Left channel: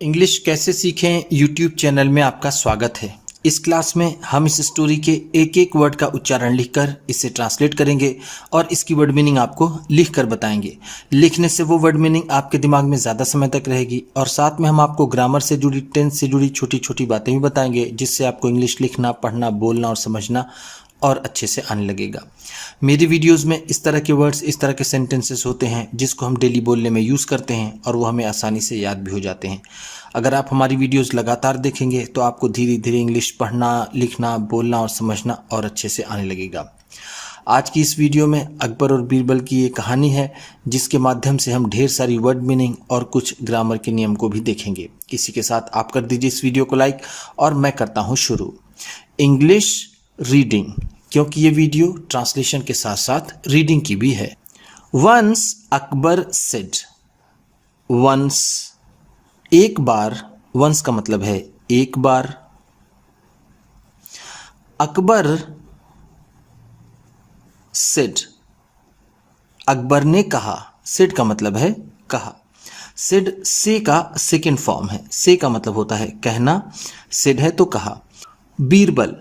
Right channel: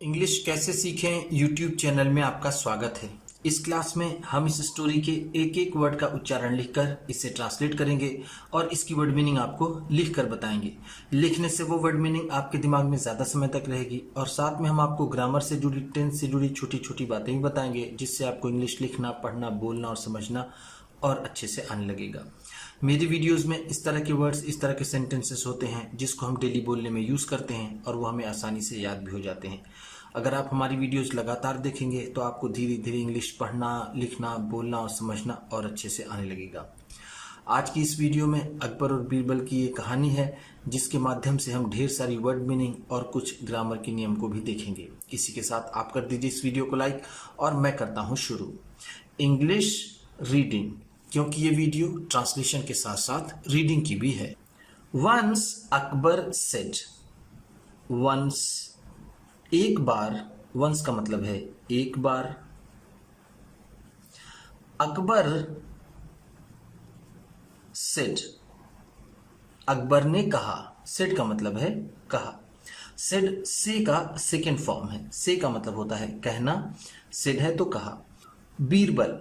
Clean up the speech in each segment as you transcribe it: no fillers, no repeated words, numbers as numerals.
English कैसे सीखें YouTube channel में आपका स्वागत है। इस क्लास में हम इस स्टोरी के एक एक वर्ड का उच्चारण लिखकर इसे ट्रांसलेट करेंगे और इसकी वर्ड मीनिंग आपको लिखकर बताएंगे। लिखने से वो वर्ड मीनिंग आपके दिमाग में ज़्यादा समय तक रहेगी और साथ में हम आपको ग्रामर से जुड़ी, टेंस से जुड़ी छोटी छोटी बातें भी बताएंगे, जिससे आपको इंग्लिश लिखना, पढ़ना, बोलना और समझना और अच्छे से आने लगेगा। मेरी वीडियोस में इस तरह के वर्ड्स, इस तरह के सेंटेंसेस होते हैं जिसको हम डेली बोलने में यूज़ करते हैं और वो हमें आसानी से याद भी हो जाते हैं। अगर आप हमारी वीडियोस लगातार देखेंगे तो आपको धीरे धीरे इंग्लिश पढ़ना, लिखना, बोलना और समझना और अच्छे से आने लगेगा। आज की इस वीडियो में अकबर और बीरबल की ये कहानी है, जिसके माध्यम से हम ढेर सारी वर्ड मीनिंग और कुछ ग्रामर के नियम को भी देखेंगे। इसी के साथ आप कर दीजिए इस वीडियो को लाइक और मैं करता हूँ शुरू। इंग्लिश रीडिंग, क्योंकि ये वीडियो ट्रांसलेशन के साथ साथ रीडिंग की भी है। वंस अकबर सेड, वंस एक बार, वंस का मतलब है एक बार। अकबर सेड, अकबर ने कहा। सेड का मतलब है कहा। सेड से का सेकेंड फॉर्म है। से का मतलब होता है कहना, सेड है तो कहा। बीरबल,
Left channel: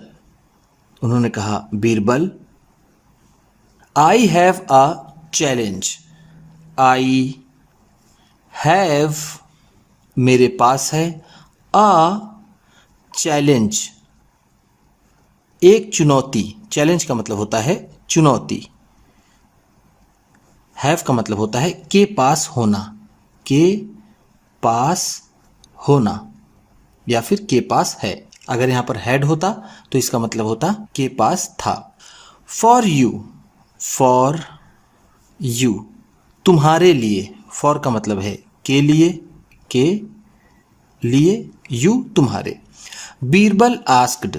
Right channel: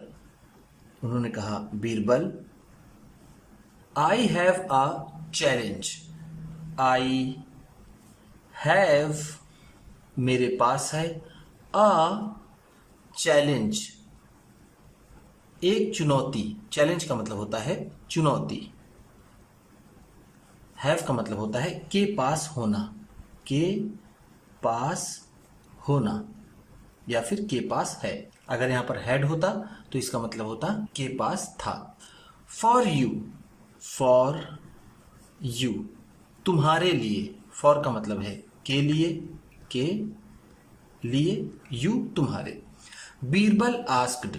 उन्होंने कहा Birbal. I have a challenge, I have मेरे पास है, अ चैलेंज एक चुनौती। चैलेंज का मतलब होता है चुनौती। हैव का मतलब होता है के पास होना, के पास होना या फिर के पास है। अगर यहां पर हैड होता तो इसका मतलब होता के पास था। फॉर यू, फॉर यू तुम्हारे लिए। फॉर का मतलब है के लिए, के लिए, यू तुम्हारे। बीरबल आस्क्ड,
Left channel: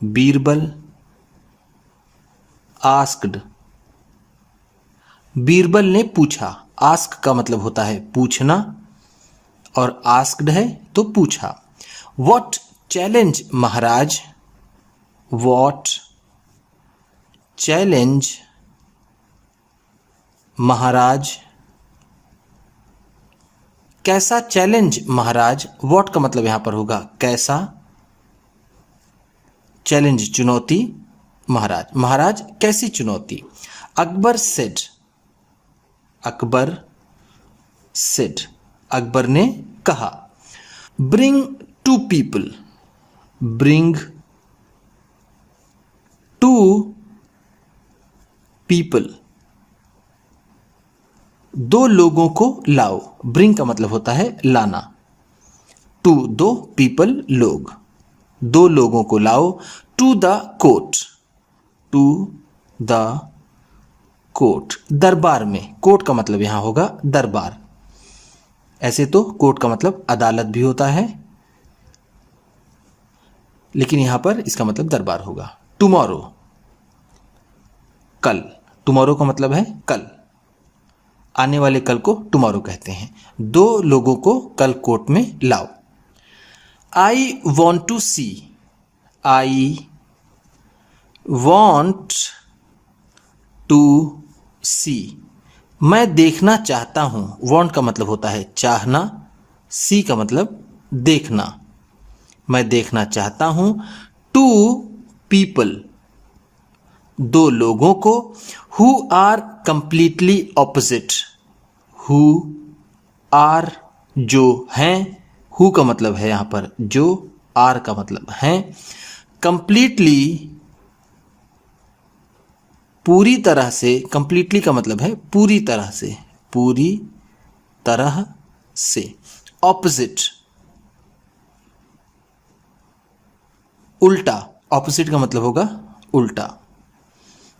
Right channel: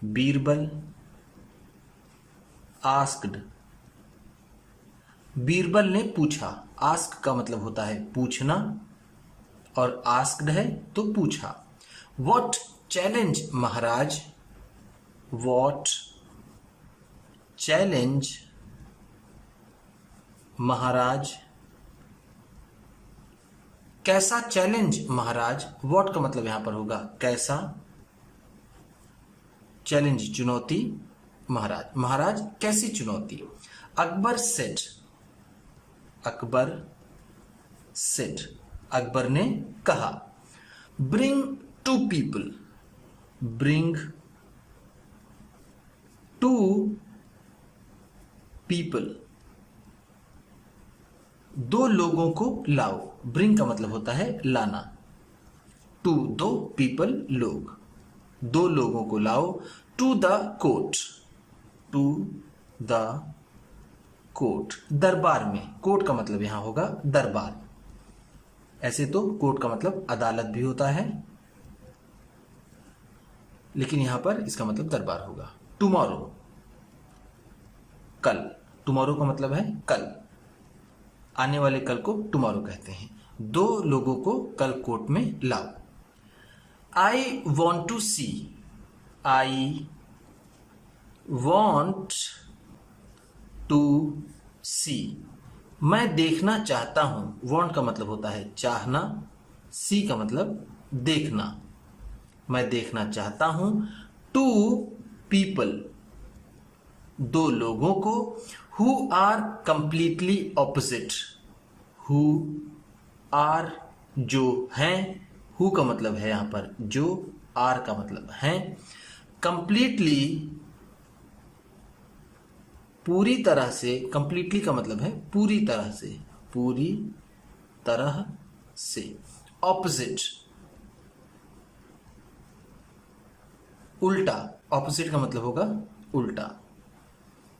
बीरबल आस्क्ड बीरबल ने पूछा। आस्क का मतलब होता है पूछना और आस्क्ड है तो पूछा। What challenge Maharaj, what challenge Maharaj, कैसा चैलेंज महाराज। व्हाट का मतलब यहां पर होगा कैसा, चैलेंज चुनौती, महाराज, महाराज कैसी चुनौती। अकबर सेड, अकबर सेड अकबर ने कहा। Bring two people, bring two people दो लोगों को लाओ। ब्रिंग का मतलब होता है लाना, टू दो, पीपल लोग, दो लोगों को लाओ। To the court, to the court दरबार में। कोर्ट का मतलब यहां होगा दरबार। ऐसे तो कोर्ट का मतलब अदालत भी होता है, लेकिन यहां पर इसका मतलब दरबार होगा। टुमारो कल, टुमारो का मतलब है कल, आने वाले कल को टुमारो कहते हैं। दो लोगों को कल कोर्ट में लाओ। I want to see, I want to see मैं देखना चाहता हूं। वॉन्ट का मतलब होता है चाहना, सी का मतलब देखना। मैं देखना चाहता हूं। टू पीपल दो लोगों को। Who are completely opposite, who are जो हैं, हु का मतलब है यहां पर जो, आर का मतलब है। कंप्लीटली पूरी तरह से, कंप्लीटली का मतलब है पूरी तरह से, पूरी तरह से। ऑपोजिट उल्टा, ऑपोजिट का मतलब होगा उल्टा।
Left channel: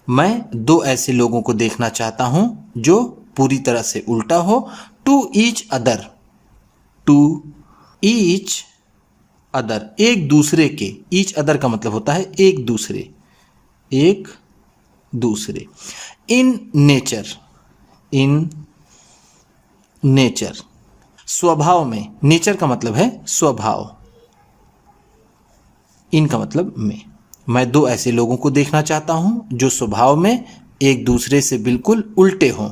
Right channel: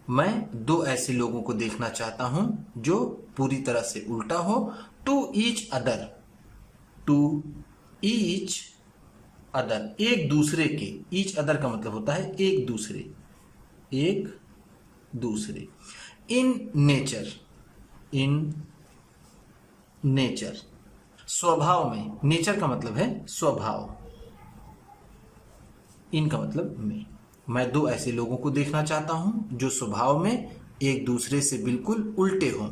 मैं दो ऐसे लोगों को देखना चाहता हूं जो पूरी तरह से उल्टा हो। To each other, to each other एक दूसरे के। ईच अदर का मतलब होता है एक दूसरे, एक दूसरे। इन नेचर, इन नेचर स्वभाव में। नेचर का मतलब है स्वभाव, इन का मतलब में। मैं दो ऐसे लोगों को देखना चाहता हूं जो स्वभाव में एक दूसरे से बिल्कुल उल्टे हों।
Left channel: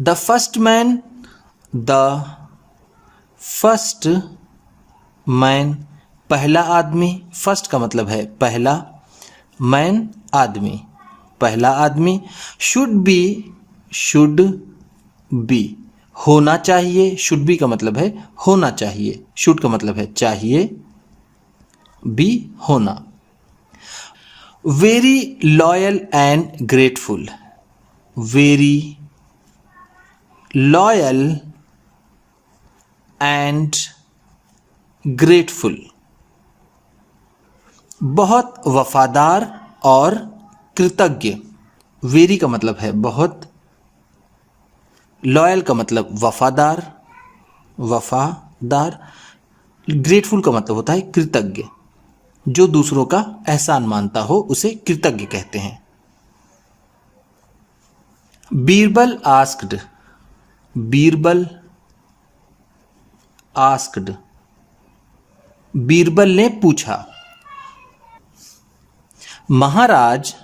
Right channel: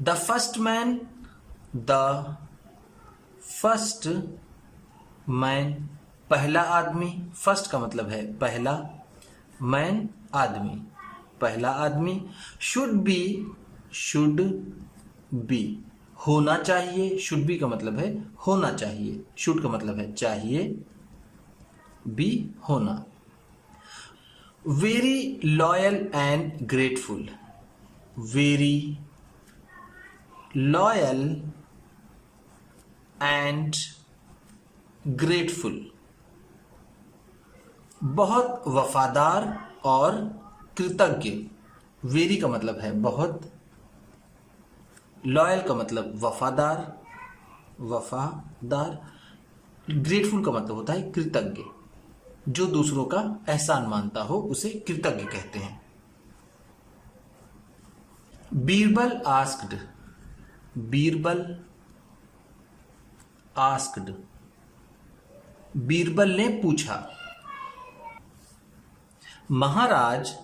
The first man, the first man, पहला आदमी। फर्स्ट का मतलब है पहला, मैन आदमी, पहला आदमी। शुड बी, होना चाहिए। शुड बी का मतलब है होना चाहिए, शुड का मतलब है चाहिए, बी होना। Very loyal and grateful, very loyal and grateful, बहुत वफादार और कृतज्ञ। वेरी का मतलब है बहुत, लॉयल का मतलब वफादार, ग्रेटफुल का मतलब होता है कृतज्ञ। जो दूसरों का एहसान मानता हो उसे कृतज्ञ कहते हैं। बीरबल आस्क्ड, बीरबल आस्क्ड, बीरबल ने पूछा। महाराज,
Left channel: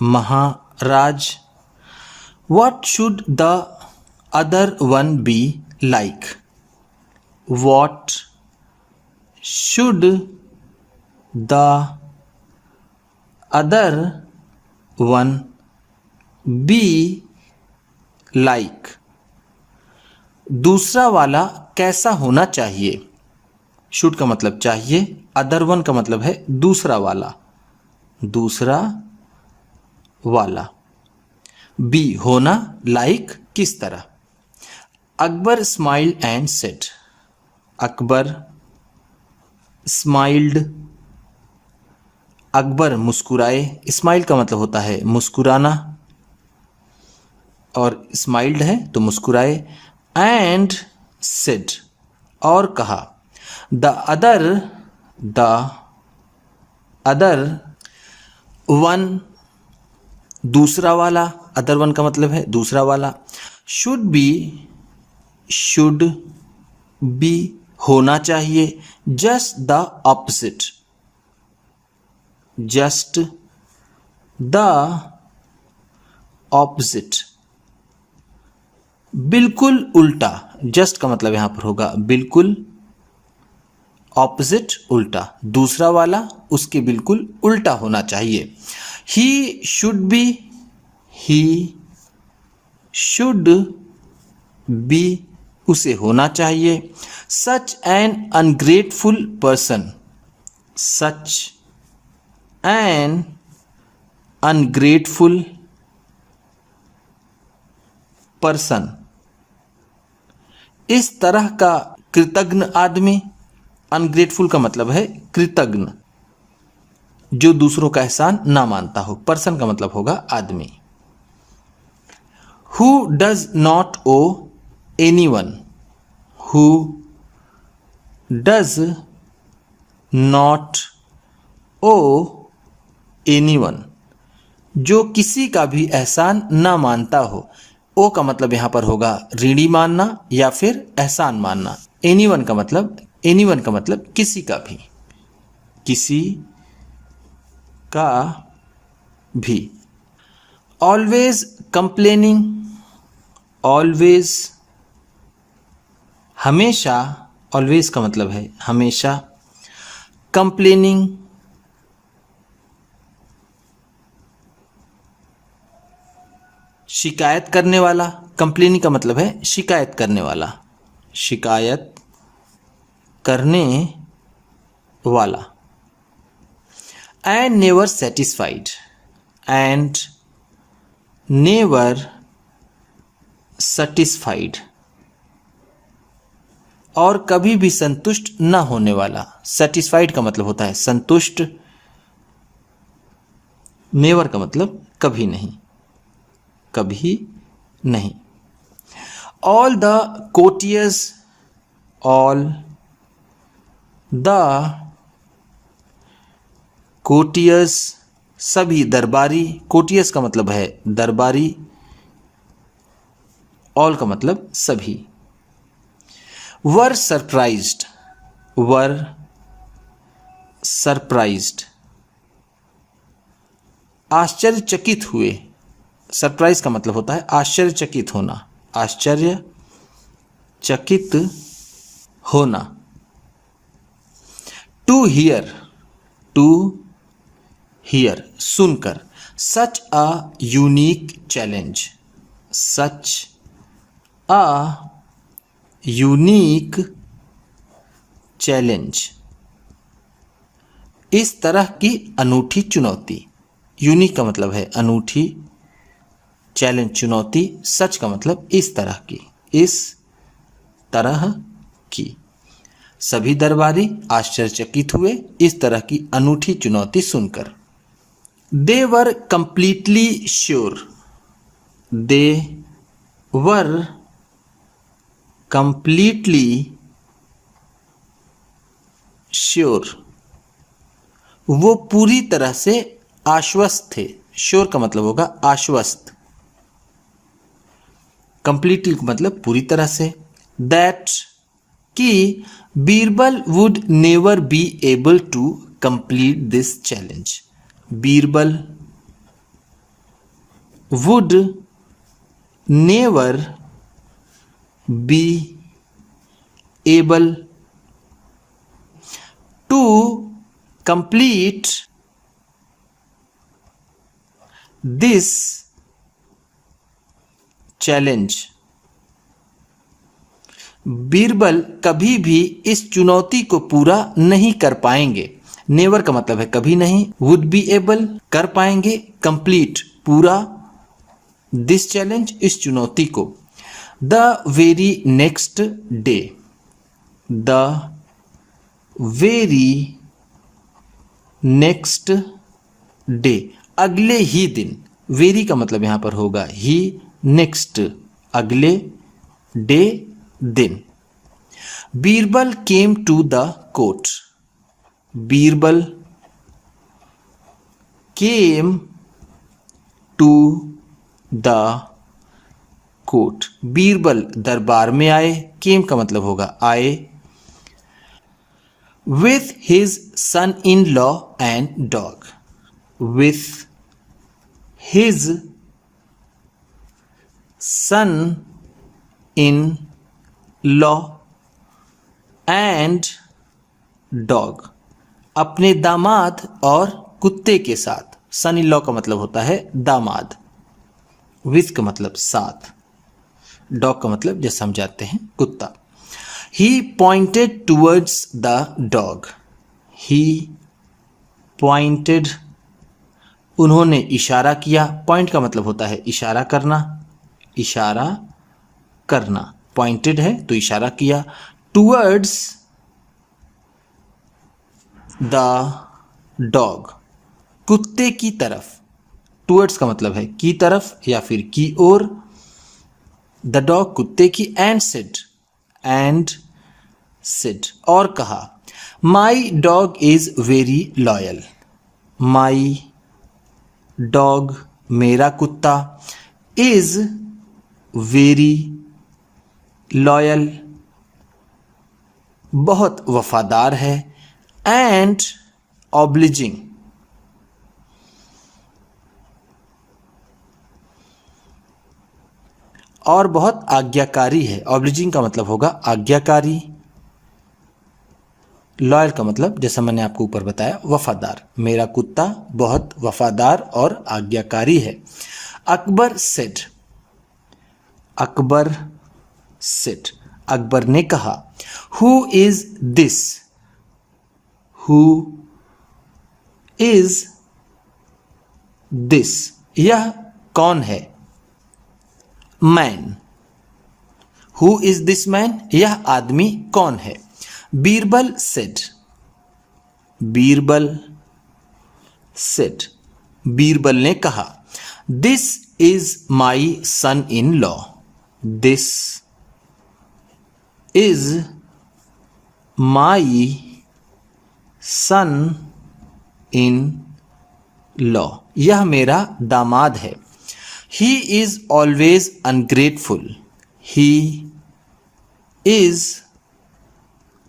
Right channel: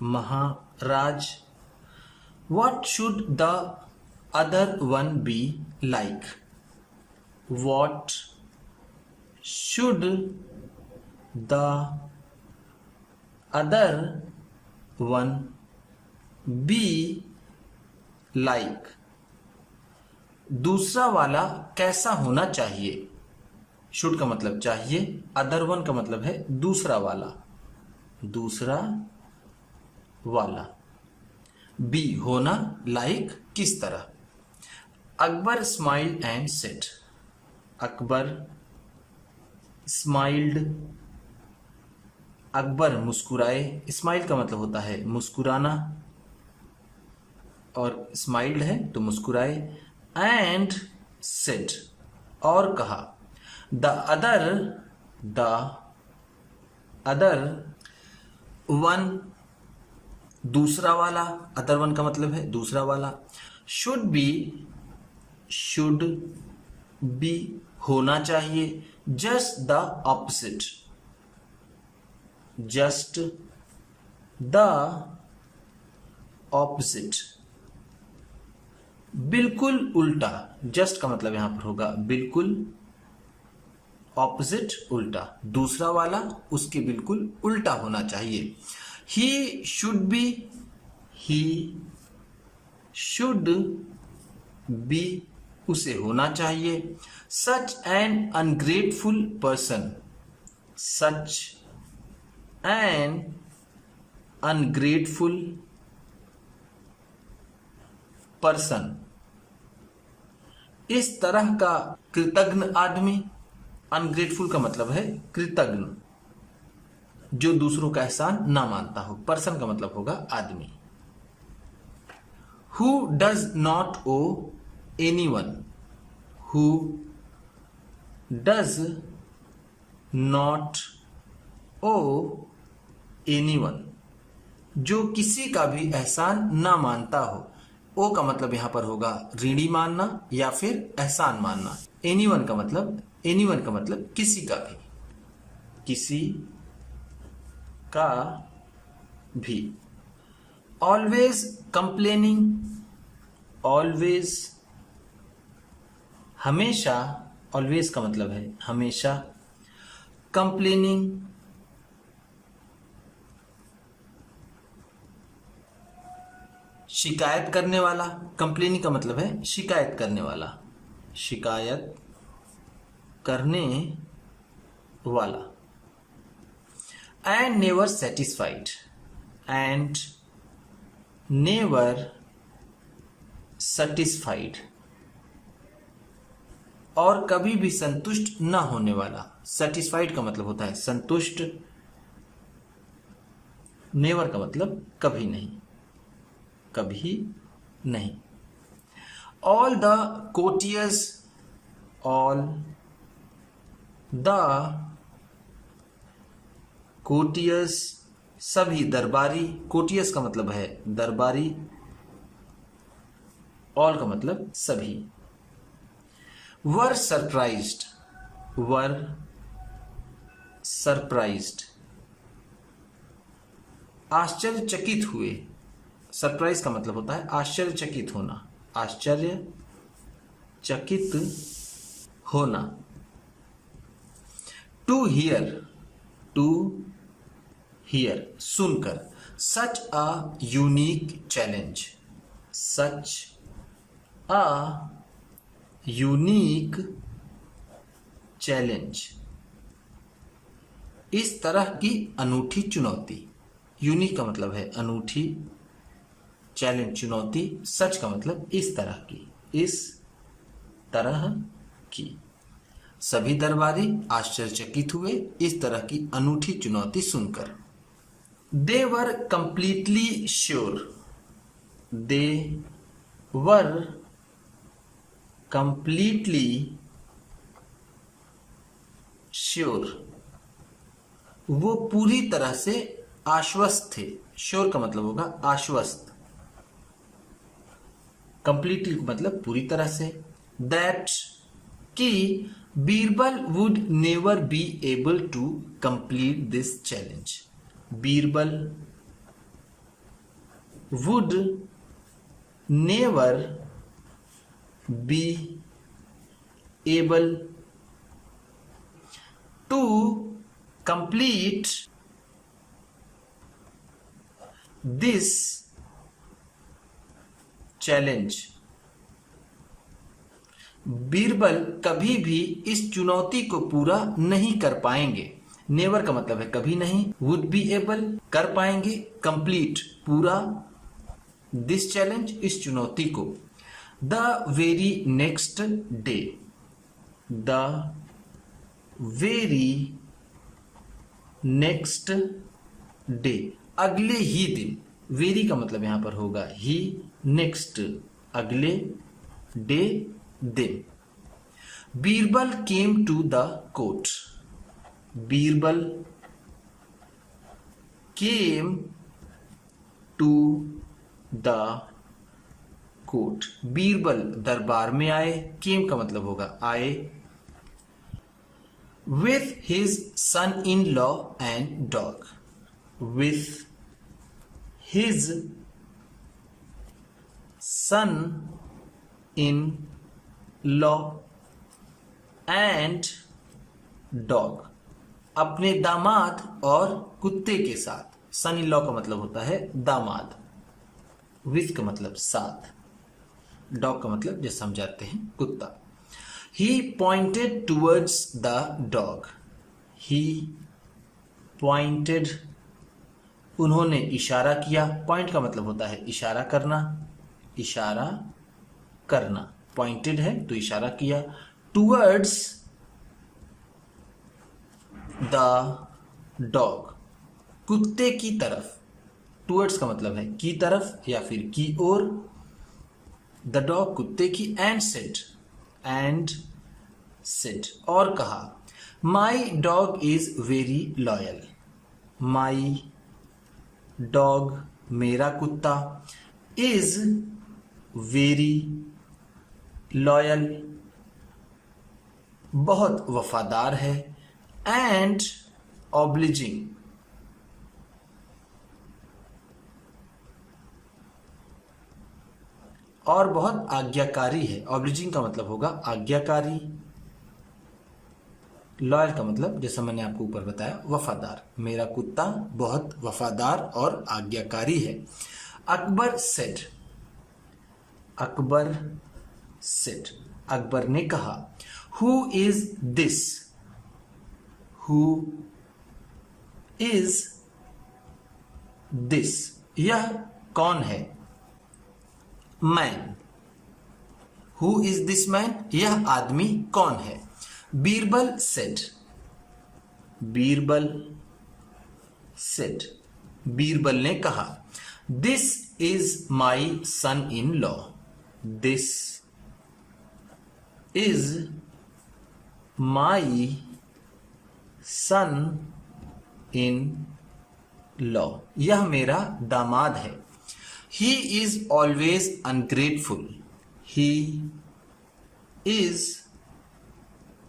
महाराज, what should the other one be like, what should the other one be like, दूसरा वाला कैसा होना चाहिए। शुड का मतलब चाहिए, अदर वन का मतलब है दूसरा वाला, दूसरा वाला, बी होना, लाइक किस तरह। Akbar smiled and said, Akbar smiled, Akbar मुस्कुराए। स्माइल का मतलब होता है मुस्कुराना, और स्माइल्ड है तो मुस्कुराए। एंड सेड, और कहा। द अदर वन, दूसरा वाला, अदर वन का मतलब है दूसरा वाला। शुड बी होना चाहिए। Just the opposite, just the opposite, बिल्कुल उल्टा। जस्ट का मतलब यहां पर होगा बिल्कुल, ऑपोजिट उल्टा, दूसरा वाला उसके बिल्कुल उल्टा होना चाहिए। ही शुड बी उसे होना चाहिए। Such an ungrateful person, such an ungrateful person, इस तरह का कृतज्ञ आदमी। अनग्रेटफुल का मतलब है कृतज्ञ, जो दूसरों का एहसान ना मानता हो। पर्सन का मतलब होगा आदमी। Who does not owe anyone, who does not owe anyone, जो किसी का भी एहसान ना मानता हो। ओ का मतलब यहां पर होगा ऋणी मानना या फिर एहसान मानना। एनीवन का मतलब किसी का भी, किसी का भी। ऑलवेज कंप्लेनिंग, ऑलवेज हमेशा, ऑलवेज का मतलब है हमेशा। कंप्लेनिंग शिकायत करने वाला। कंप्लेनिंग का मतलब है शिकायत करने वाला, शिकायत करने वाला। And never satisfied, and never satisfied, और कभी भी संतुष्ट न होने वाला। सेटिस्फाइड का मतलब होता है संतुष्ट, नेवर का मतलब कभी नहीं, कभी नहीं। All the courtiers, all the courtiers, सभी दरबारी। कोर्टियर्स का मतलब है दरबारी, ऑल का मतलब सभी। वर सरप्राइज्ड, वर सरप्राइज्ड, आश्चर्यचकित हुए। सरप्राइज का मतलब होता है आश्चर्यचकित होना, आश्चर्यचकित होना। टू हियर, टू हियर सुनकर। Such a unique challenge, such a unique challenge, इस तरह की अनूठी चुनौती। यूनिक का मतलब है अनूठी, चैलेंज चुनौती, सच का मतलब इस तरह की, इस तरह की। सभी दरबारी आश्चर्यचकित हुए इस तरह की अनूठी चुनौती सुनकर। They were completely sure, they were completely sure, वो पूरी तरह से आश्वस्त थे। श्योर का मतलब होगा आश्वस्त, कंप्लीटली का मतलब पूरी तरह से। दैट कि Birbal would never be able to complete this challenge. Birbal would never be able to complete this challenge. Birbal कभी भी इस चुनौती को पूरा नहीं कर पाएंगे। नेवर का मतलब है कभी नहीं, वुड बी एबल कर पाएंगे, कंप्लीट पूरा, दिस चैलेंज इस चुनौती को। The very next day, the very next day अगले ही दिन। वेरी का मतलब यहां पर होगा ही, नेक्स्ट अगले, डे दिन। Birbal came to the court, Birbal came to the court, Birbal दरबार में आए, केम का मतलब होगा आए। With his son in law and dog, with his son in law and dog, अपने दामाद और कुत्ते के साथ। सन इन लॉ का मतलब होता है दामाद, विथ का मतलब साथ, डॉग का मतलब जैसे हम जानते हैं कुत्ता। He pointed towards the dog, he pointed उन्होंने इशारा किया। पॉइंट का मतलब होता है इशारा करना, इशारा करना, पॉइंटेड है तो इशारा किया। टूवर्ड्स द डॉग, कुत्ते की तरफ। टूवर्ड्स का मतलब है की तरफ या फिर की ओर, द डॉग कुत्ते की। एंड सेड और कहा, my dog is very loyal, my dog मेरा कुत्ता, इज वेरी लॉयल बहुत वफादार है, एंड ऑब्लिजिंग और बहुत आज्ञाकारी है। ऑब्लिजिंग का मतलब होगा आज्ञाकारी, लॉयल का मतलब जैसा मैंने आपको ऊपर बताया वफादार। मेरा कुत्ता बहुत वफादार और आज्ञाकारी है। अकबर सेड, अकबर सेड अकबर ने कहा, who is this, who is this यह कौन है। Man, who is this man यह आदमी कौन है। बीरबल सेड, बीरबल सेड बीरबल ने कहा, this is my son in law, this is my son in law यह मेरा दामाद है। He is always ungrateful, he is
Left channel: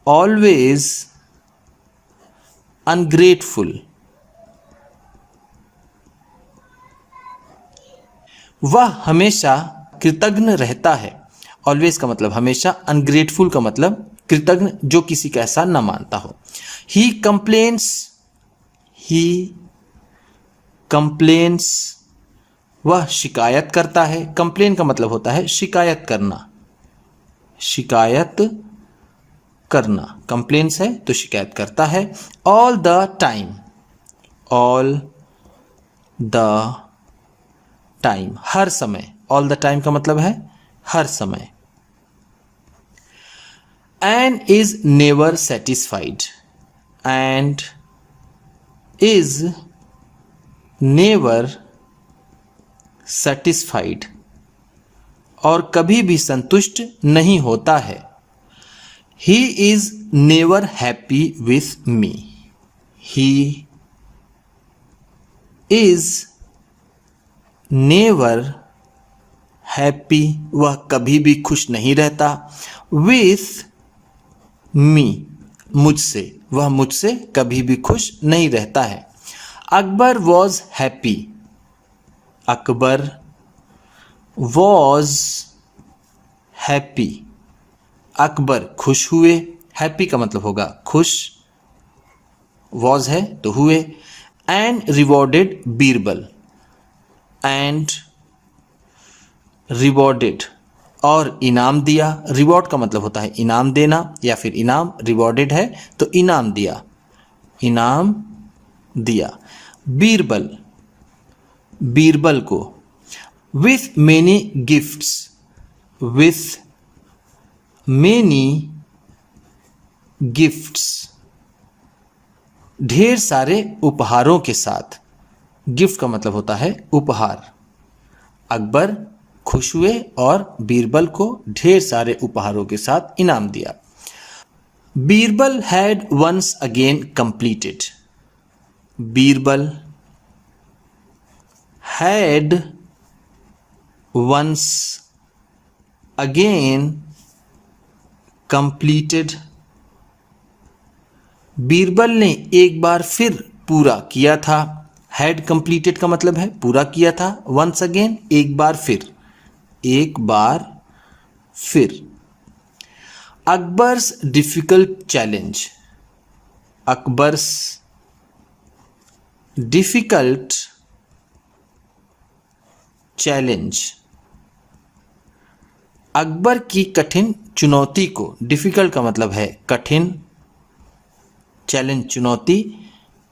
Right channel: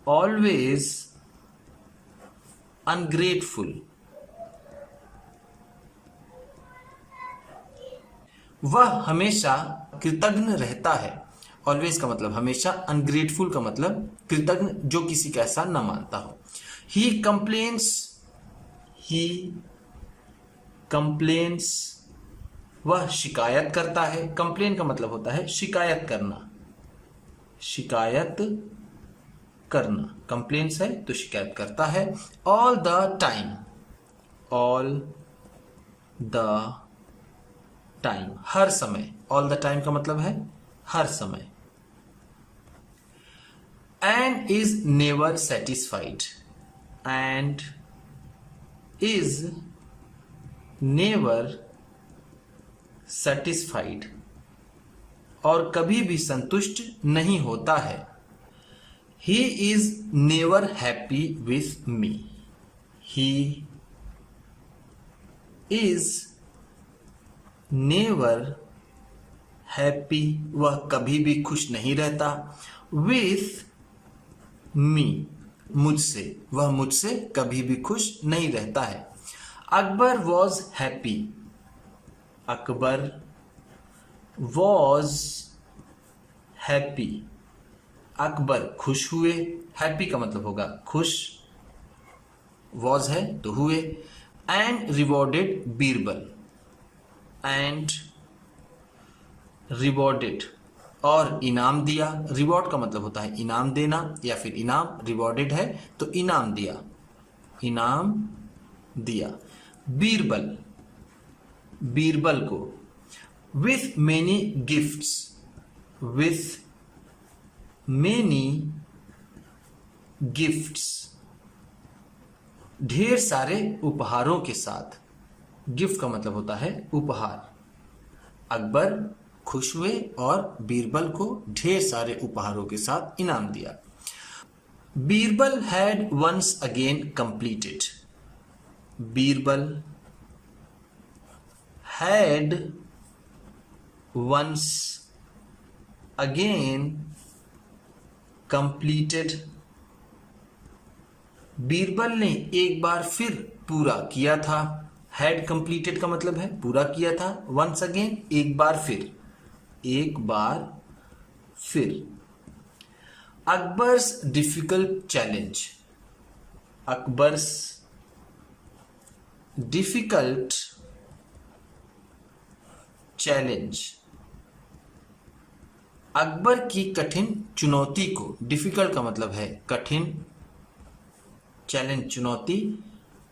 always ungrateful वह हमेशा कृतज्ञ रहता है। ऑलवेज का मतलब हमेशा, अनग्रेटफुल का मतलब कृतज्ञ जो किसी का ऐसा न मानता हो। ही कंप्लेन्स वह शिकायत करता है। कंप्लेन का मतलब होता है शिकायत करना, कंप्लेन्स है तो शिकायत करता है। ऑल द टाइम, हर समय। ऑल द टाइम का मतलब है हर समय। And is never satisfied, and is never satisfied, और कभी भी संतुष्ट नहीं होता है। He is never happy with me, he is never happy, वह कभी भी खुश नहीं रहता। विथ मी, मुझसे, वह मुझसे कभी भी खुश नहीं रहता है। Akbar was happy, Akbar was happy, Akbar खुश हुए। हैप्पी का मतलब होगा खुश, वॉज है तो हुए। And rewarded Birbal, and rewarded, और इनाम दिया। रिवॉर्ड का मतलब होता है इनाम देना या फिर इनाम, रिवॉर्डेड है तो इनाम दिया, इनाम दिया। बीरबल को। With many gifts, with many gifts, ढेर सारे उपहारों के साथ। गिफ्ट का मतलब होता है उपहार। अकबर खुश हुए और बीरबल को ढेर सारे उपहारों के साथ इनाम दिया। Birbal had once again completed, Birbal had once again completed, Birbal ने एक बार फिर पूरा किया था। हैड कंप्लीटेड का मतलब है पूरा किया था। वंस अगेन, एक बार फिर, एक बार फिर। Akbar's difficult challenge, Akbar's difficult challenge, Akbar की कठिन चुनौती को। डिफिकल्ट का मतलब है कठिन, चैलेंज चुनौती।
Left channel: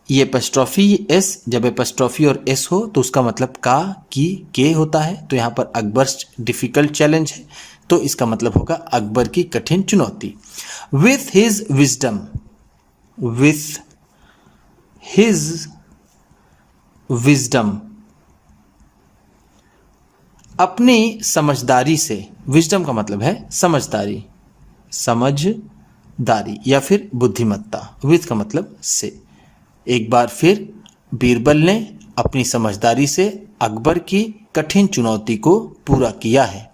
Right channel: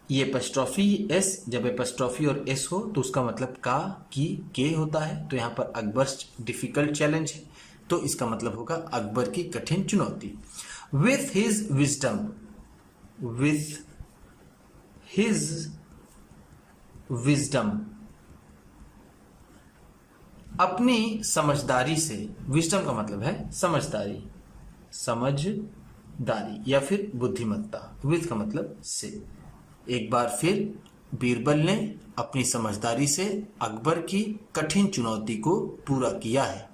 ये एपस्ट्रॉफी एस, जब एपस्ट्रॉफी और एस हो तो उसका मतलब का, की, के होता है। तो यहाँ पर अकबर्स डिफिकल्ट चैलेंज है तो इसका मतलब होगा अकबर की कठिन चुनौती। With his wisdom, with his wisdom, अपनी समझदारी से। विजडम का मतलब है समझदारी, समझदारी या फिर बुद्धिमत्ता। विथ का मतलब से। एक बार फिर बीरबल ने अपनी समझदारी से अकबर की कठिन चुनौती को पूरा किया है।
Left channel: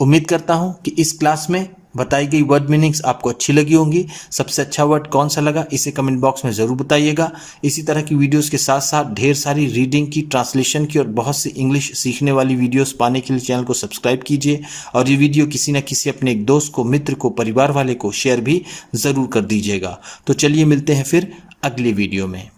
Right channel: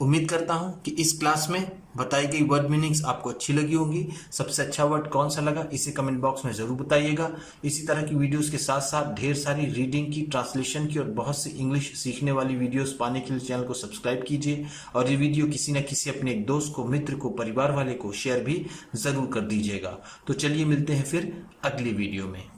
उम्मीद करता हूं कि इस क्लास में बताई गई वर्ड मीनिंग्स आपको अच्छी लगी होंगी। सबसे अच्छा वर्ड कौन सा लगा इसे कमेंट बॉक्स में ज़रूर बताइएगा। इसी तरह की वीडियोस के साथ साथ ढेर सारी रीडिंग की, ट्रांसलेशन की और बहुत सी इंग्लिश सीखने वाली वीडियोस पाने के लिए चैनल को सब्सक्राइब कीजिए। और ये वीडियो किसी न किसी अपने एक दोस्त को, मित्र को, परिवार वाले को शेयर भी ज़रूर कर दीजिएगा। तो चलिए मिलते हैं फिर अगली वीडियो में।